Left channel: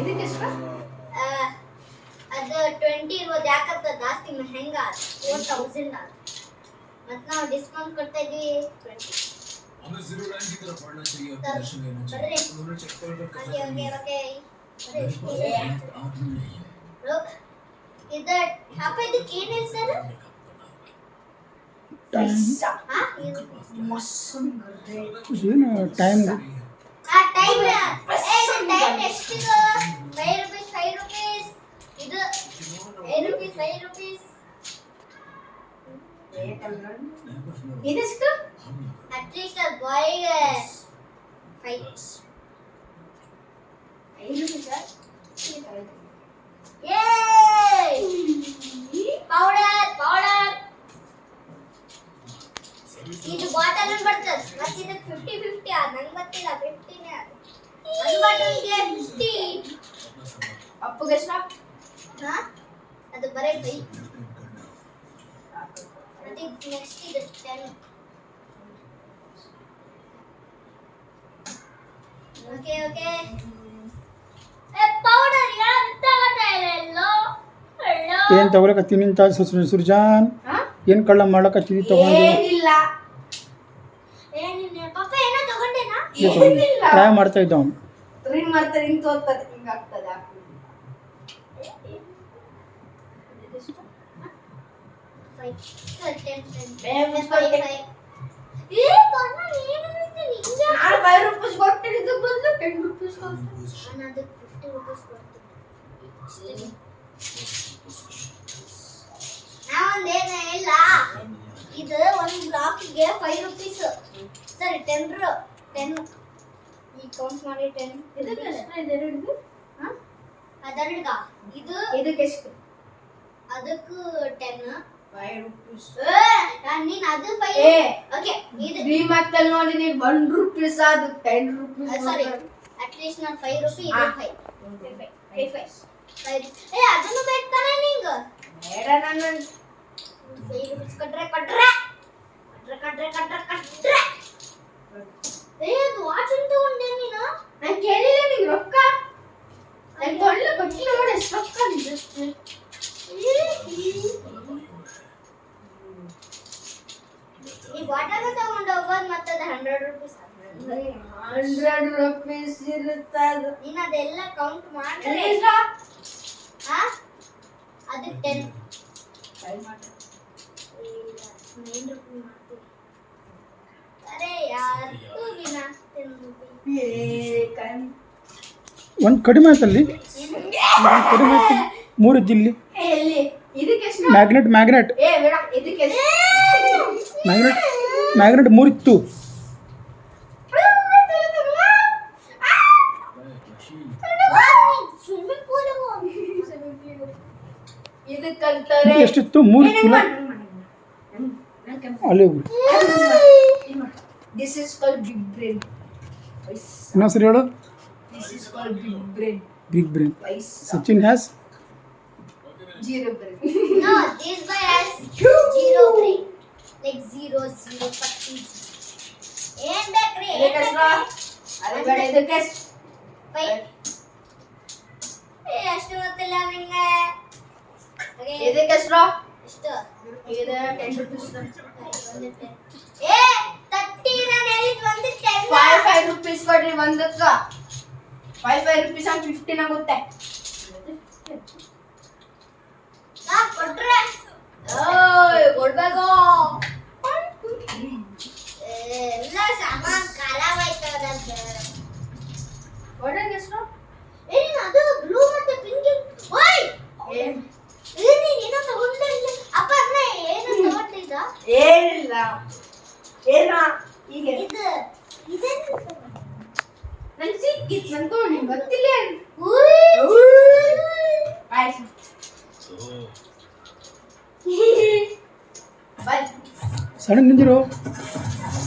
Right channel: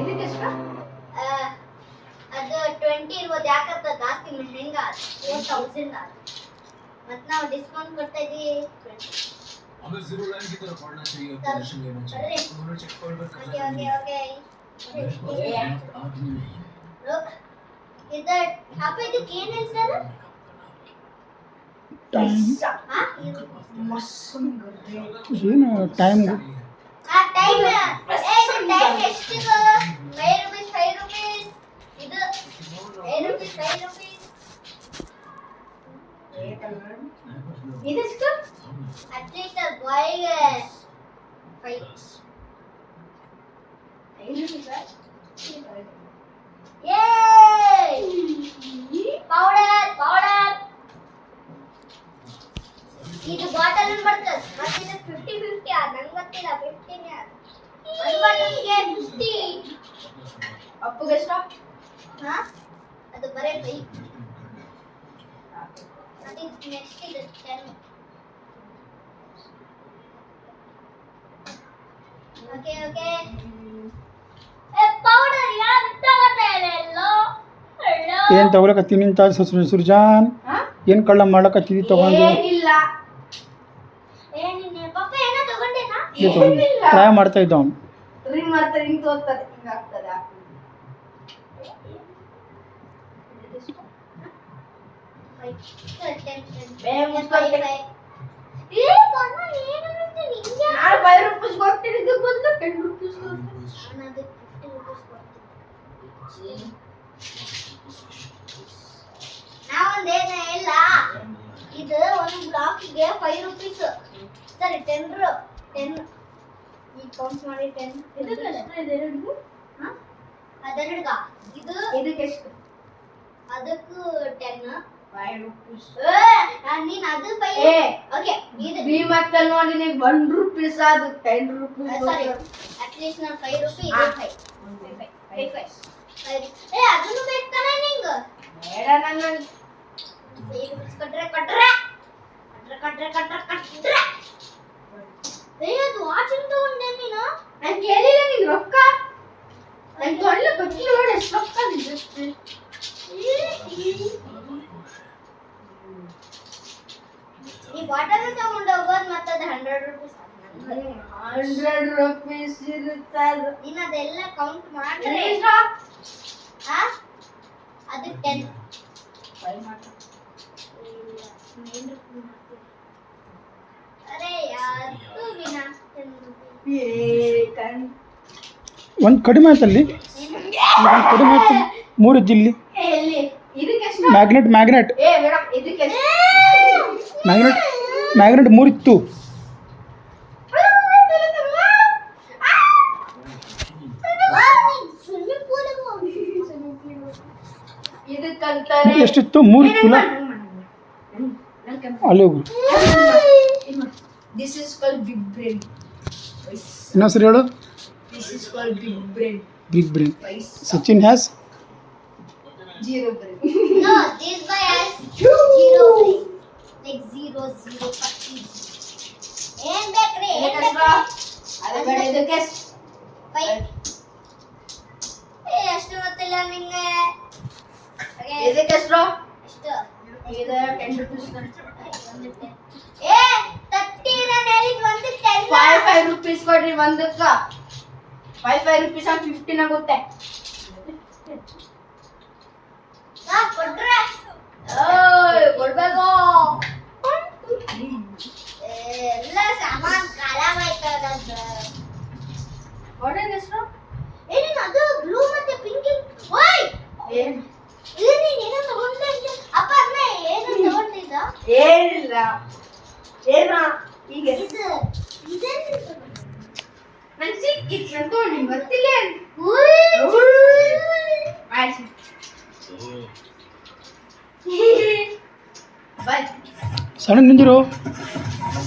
ಇದಕ್ಕೆ ಎಷ್ಟು? ಅದು 20 ಇರ್ಬೋದು, ಯಾಕಂತ ಜಾಸ್ತಿ ಮೆಹಂಗಾ 4000 ಆದ. ಮತ್ತೆ ನಾವು ಡಿಸ್ಕೌಂಟ್ ಕೊಡ್ತಾ ಇದೀವಿ 20. हमें जीरो लाइन की तरफ बढ़ना चाहिए और दर्शन लेना चाहिए। उन्होंने चेक पॉइंट पर कब्जा कर लिया। ओके आदमी नहीं है। रुक इधर आप ಇದು ಏನು ಹೇಳ್ತಾರೆ? ಟೈಮ್ ಹಾ ಇದು ಮಸ್ಸನ್ ಗರ್ದೆ. ಏನು ಟೈಮ್ ಆ ಟೈಮ್ ಟೈಮ್ ಎಷ್ಟು? 5 rupees ಇದು 5 rupees. ಇದೆಷ್ಟು? ಅಟ್ಲೀಸ್ಟ್ ಆ ಬಾಯ್ 5 ಯೇ ಪೌಡರ್ ಇದು ಬಾಟಲ್ ಬರ್ತದೆ. ಮತ್ತೆ ಇದು 50 ಆ ನಂಗೆ ಗೊತ್ತಿಲ್ಲ 50 ನೇ ಒಂದು ಬಾಟಲ್ಗೆ 50. ಅಪ್ಪಗೆ ಎಷ್ಟು? ಹಾ ಅದು ಬರೇ 5. ಮತ್ತೆ ನೆಕ್ಸ್ಟ್ ಇದು 10. ಓಕೆ ಪೌಡರ್ ಯಾರು ತಗೊಂಡಿಲ್ಲ? ಏನು ತಗೊಳಕತ್ತೀನಿ ಅಂತ ಸುರ್ಜಾನ್ ಏನು ಕಳ್ಳ ಮಾಡ್ಲಕತ್ತೀವಿ ತಗೊಂಡು ಏನಿಲ್ಲ. ಏನಿಲ್ಲ ಪಾಪ ಏನೋ ತಗೊಂಡೇನಾ? ಟ್ರೈ ಮಾಡ್ತಾ ಇದ್ದ ಅವನು. ರಿಂಗ್ ಮಾಡ್ತಾರೆ, ಹಿಂಗ್ ತೋರ್ತದೆ, ಹಿಂಗ್ ಆಗ್ತದೆ. ನಾನು 5 ರೂಪೀಸ್ ಕೊಟ್ಟಿದ್ದು ಬದಲು 10 ರೂಪೀಸ್ ಕೊಡ್ತೀನಿ. ನಾನು 50 ರೂಪೀಸ್ ಕೊಡ್ತೀನಿ. ನಾವೊಂದು ಏನು ಇಲ್ಲ, ಇದು ಒಂದು ಬ್ಲಾಕ್ಗೆ 5 ರೂಪೀಸ್. ಸರಿ 10 ಈ ಕೌಂಟ್ ಮಾಡಿ 10. ಇದಕ್ಕೆ ಎಷ್ಟು? ಇದೆರಡು? ಹಾಂ ಅದರ್ಗ ಇದು ಇದಕ್ಕೆ ಎಷ್ಟು? ಅದಕ್ಕೂ 10. 5 ರೂಪೀಸ್. ನೀನು ಅದು 5. ಓಕೆ ಇದು ಡಿಮಾರ್ಟ್ ಅಲ್ಲಿ ನೋಡಿ ನೀವು 1 ರೂಪೀಸ್ ಅದು 10 ರೂಪೀಸ್. ಸಾರಿ ಅಟ್ಲೀಸ್ಟ್ ನಾನು 5 ರೂಪಾಯಿ ಇದು 5. ಅದನ್ನು ಬೇಕು ತಾನೇ ನಿಂಗೆ? ಬೇಡ, ನನ್ನ 5 ರೂಪಾಯಿ ಕೊಟ್ರೆ ಅದು ವಾಚಿಂಗ್ ತಗೊಂಡೆ ನೀನು? ನಾನು ಕೇಳಿಲ್ಲ ನಿಂಗೆ ರೊಕ್ಕ. ನಾನು ತೊಳ್ಳೆ ಕೊಟ್ಟಿಲ್ಲ ನೋಡಿ ಎಷ್ಟು ರೊಕ್ಕ ನಿಂಗೆ. ಈ ಬಾಟಲ್ ತಗೊಂಡು ಹೋಗೋದು ಮತ್ತೆ ಅದು 100 ರೂಪೀಸ್. 100 ರೂಪೀಸ್ ಇರುತ್ತೆ ಅದು. ನೀನು ಅದೆಲ್ಲ ಕೌಂಟ್ ಮಾಡ್ರೆ ಹಾ ಅದು 10. 5 ಮಾತ್ರ. ಅರೆ ಯಾರು ವಿನಾ 10 ರೂಪಾಯಿ. ಒಂದು ಕಡಿಮೆ ಆಯ್ತಲ್ಲಿ, ಒಂದು ಕಡಿಮೆ ಆಯ್ತು. 3 ಇದ್ದಿಲ್ಲಿ ಎಲ್ಲಿ? ಇದಕ್ಕೆ ಎಷ್ಟು? ಮ್ಯಾಗ್ನೆಟ್ ಬೇಡ, ಇದಕ್ಕೆ ಎಷ್ಟು? ಮ್ಯಾಗ್ನೆಟ್ 3 ಇತ್ತು. ಸ್ವಿಮ್ಮಿಂಗ್ ಪೂಲ್ ಇದಕ್ಕಂತಾರೆ ಎಷ್ಟಿತ್ತು? 3 ಇತ್ತು. ಅಲ್ಲಿ ಹೋಗು. This is called big brain. ಇನ್ನೊಂದ್ಸರಿ ಹೇಳು. This is called big brain. Big brain. Sachin has 0 brain. No, this boy has 0 brain. Like 0, 40. ಏನ್ ಬೇಕ್ರಿ? ಇದಕ್ಕೆ ಎಷ್ಟು? ಅದೇ ಬೇಡ, ಇದಕ್ಕೆ ಎಷ್ಟು? 5. ಅಷ್ಟು ಗೊತ್ತಿಲ್ಲ ನಿಂಗೆ. ಇದಕ್ಕೆ ಎಷ್ಟು? ಎಷ್ಟು? ಇದು 10 ರೂಪೀಸ್. ಏ 30 ನಾನು ಹೇಳಿದ್ದು ಒಂದು 10. 5 ರೂಪೀಸ್ ಕೊಡ್ರಿ ಒಂದಕ್ಕ. 5 ರೂಪೀಸ್ ಅಂದ್ರೆ 15 ಆಗುತ್ತೆ. ಕೊಟ್ರೆ ಕೊಡ್ಬೇಕು. ಎಲ್ಲ ಸಾಮಾನ್ ಖರಾಬಾಯ್ತದಂತೆ. ಕೊಡೋದು ಎಷ್ಟು? ಏನೇನು ಅದು ಬ್ಲೂ ಮತ್ತೆ ಪಿಂಕ್? ಓಯ್ ಏನು? ಇದು ನೀನು ಏನೋ ತಗೊಂಡೆ ಅಪ್ಪ. ಅದನ್ನ ಏನು ತಗೊಂಡಿದ್ದ? ಏನಿಲ್ಲ. ಏನ ಈಗ ಇದು ಇದೇನು ತಗೊಂಡೆ? ನಂಗೆ ಸಿಕ್ಕಿತ್ತು, ನಾನು ತಗೊಂಡು ನಿಂಗೆ ಗೊತ್ತಿಲ್ಲ. ಆಯ್ತು ಸಣ್ಣ ನಿಂದಿರು.